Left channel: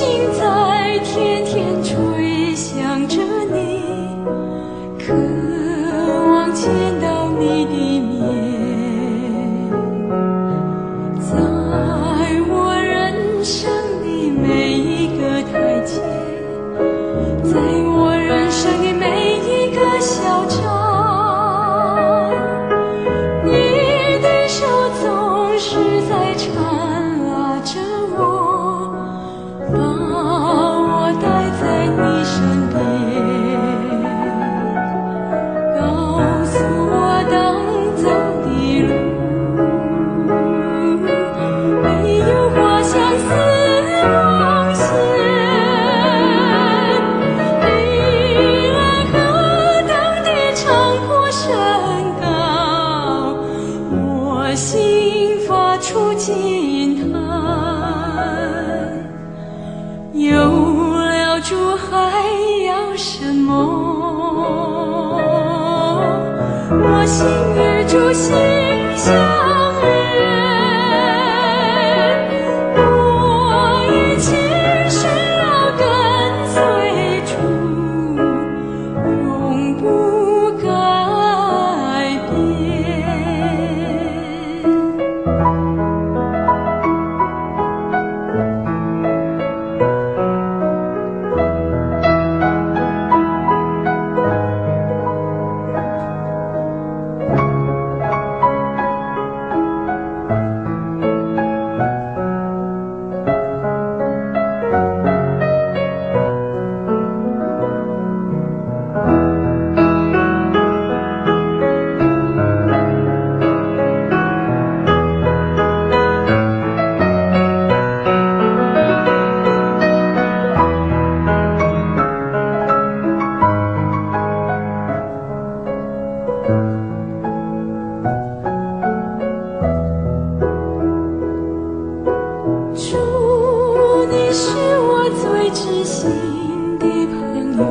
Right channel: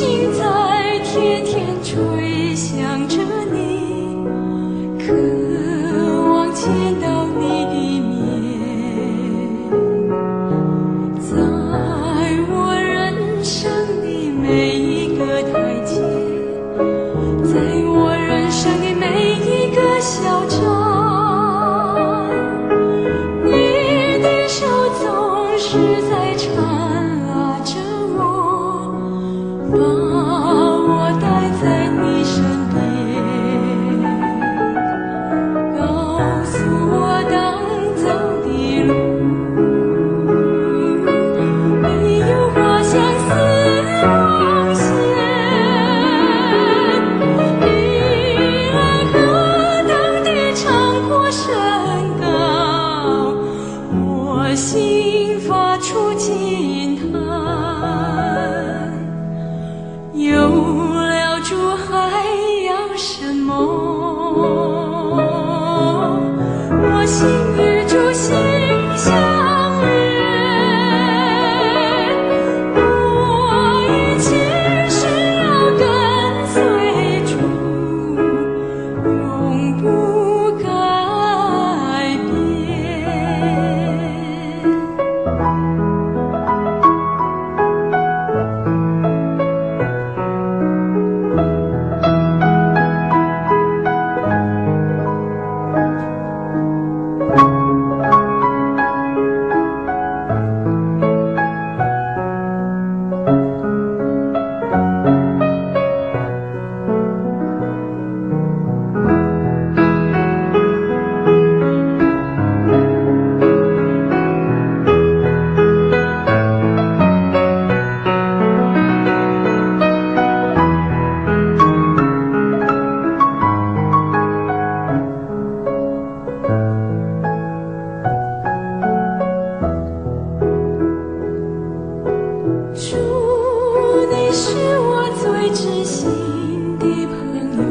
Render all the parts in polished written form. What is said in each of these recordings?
心在天天吹响着你，渴望见到你的面。在我人生的每一个台阶，在我人生的每一个小站，你的手总是在缠拉着我，把我带在你身边，告诉我当走的路没有花香似网线，你爱何等的长阔深高，我心发出惊叹。有了主还要什么？我心与主心相连，我一切是要跟随主，永不改变。主，你是我最知心的朋友，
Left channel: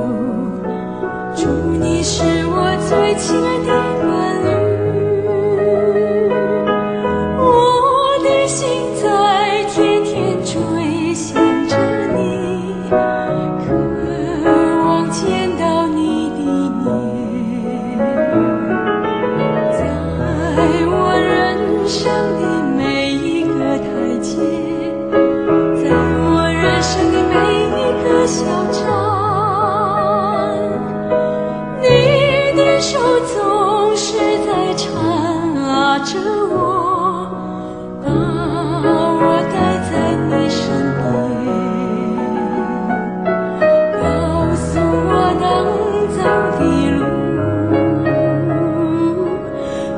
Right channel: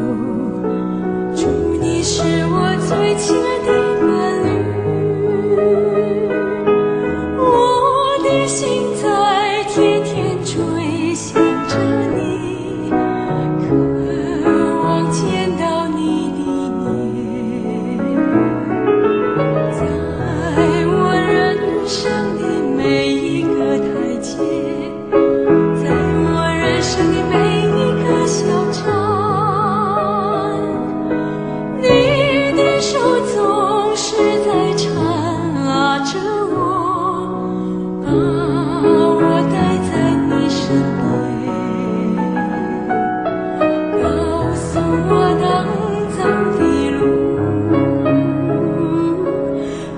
主，你是我最亲爱的伴侣，我的心在天天追想着你，渴望见到你的面，在我人生的每一个台阶，在我人生的每一个小站，你的手总是在缠拉着我，把我带在你身边，告诉我当走的路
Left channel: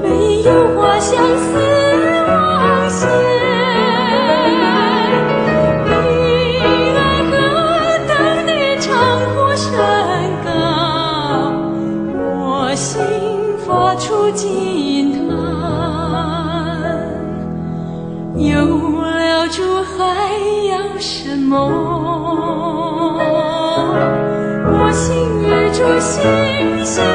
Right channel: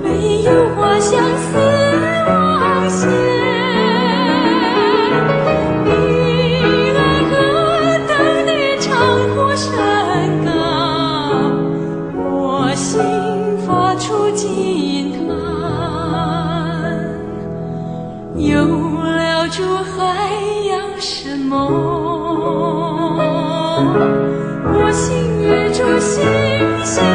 没有花香似网线。心发出惊叹，有了主还要什么？我心与主心相